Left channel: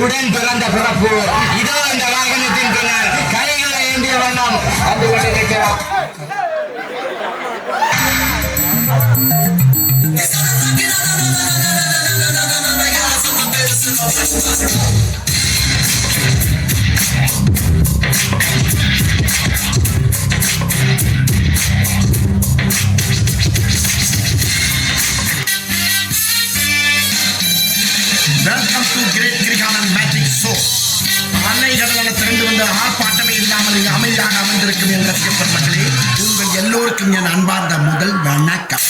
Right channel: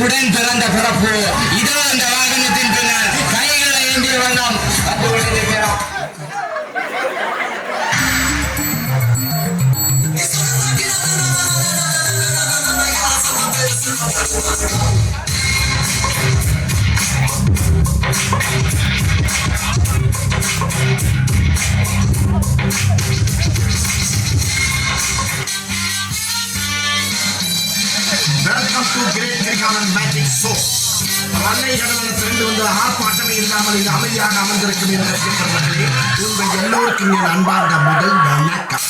உடன் பிறந்த பிறப்பு இதோ இந்த வாகனத்தின் பின்னர் கைகளை ஏந்திய வண்ணம் வந்து கொண்டிருக்கிறார். Welcome to Great Nirgaman Magic Show. அன்னை கடவுளை திறந்து வந்த ஆர்ப்பாட்டமே இல்லாமல் அமைதியாக அமர்ந்திருக்கும் என் ரசிகப்பட்டவர்களே, உங்கள் எல்லோருக்கும் என் அன்பார்ந்த முதல் வணக்கம்.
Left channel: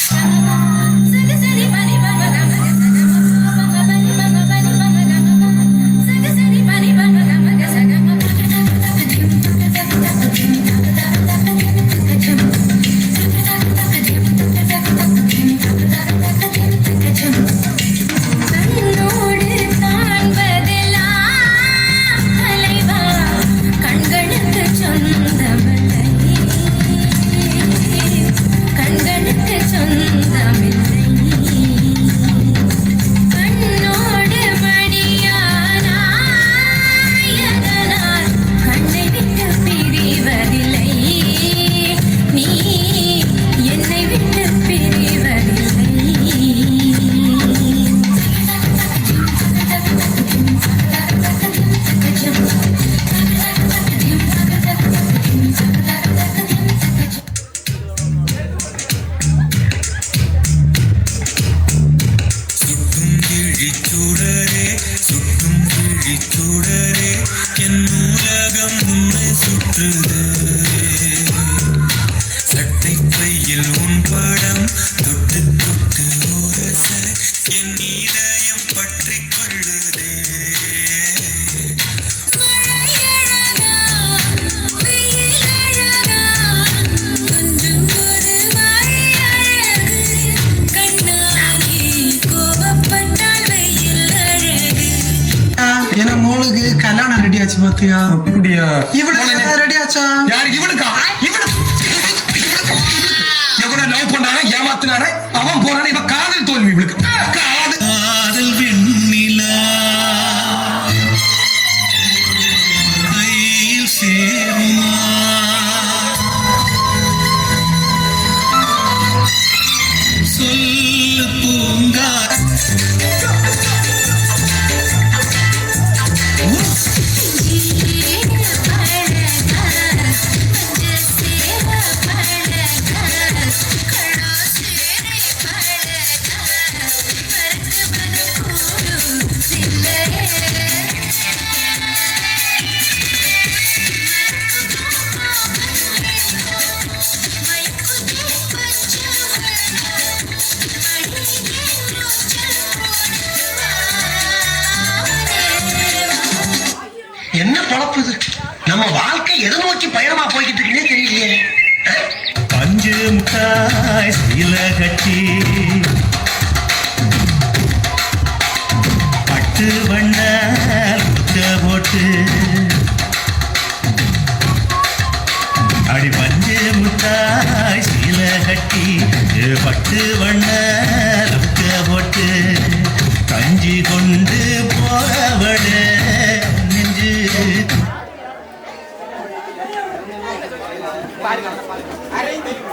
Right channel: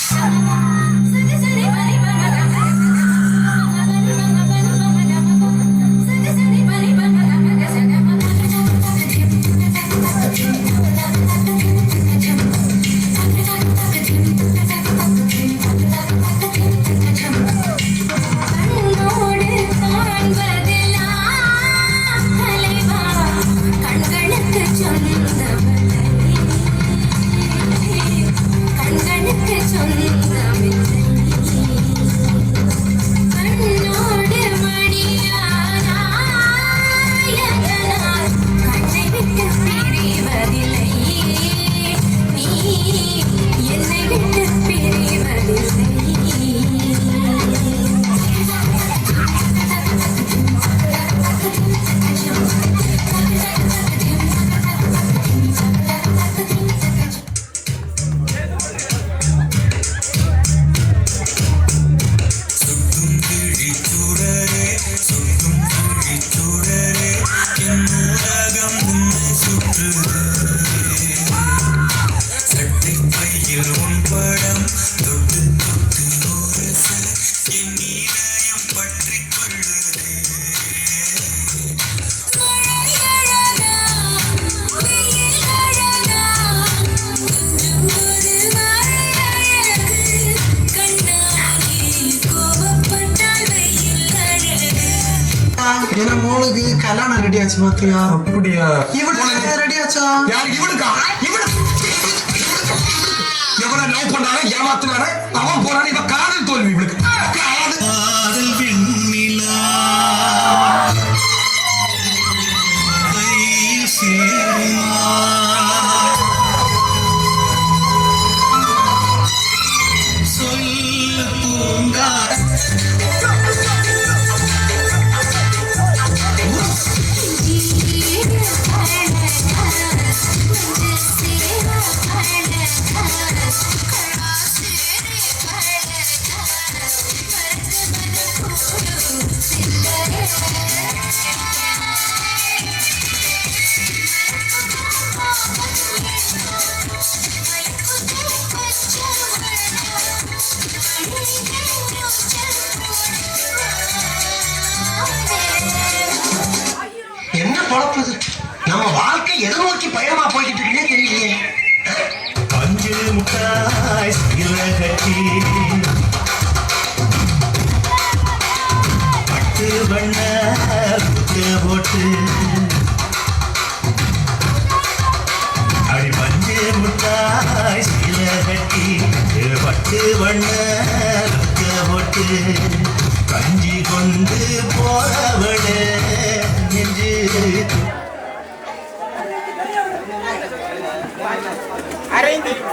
அப்படியா? ரெடியாச்சா? யார் இவனுக்கா? எவனை லவ் பண்ணானே ஏமாத்தினானே அவன் போறானே, இவன் காதல் தோல்வி இவனுக்கு. காதல் வெண்ணிலா கையில் சேருமா, சொல்ல பூங்கா என்ன பழப்புது? நம்ம வாழ்க்கை எதை நோக்கி பயணமா போய்கிட்டு இருக்குன்னே தெரியலையே. பஞ்சு முட்டாய் சீல கட்டி பட்டு வண்ண புத்த போட்டு அடி பஞ்சு முட்டாய் சீல கட்டி பட்டு வண்ண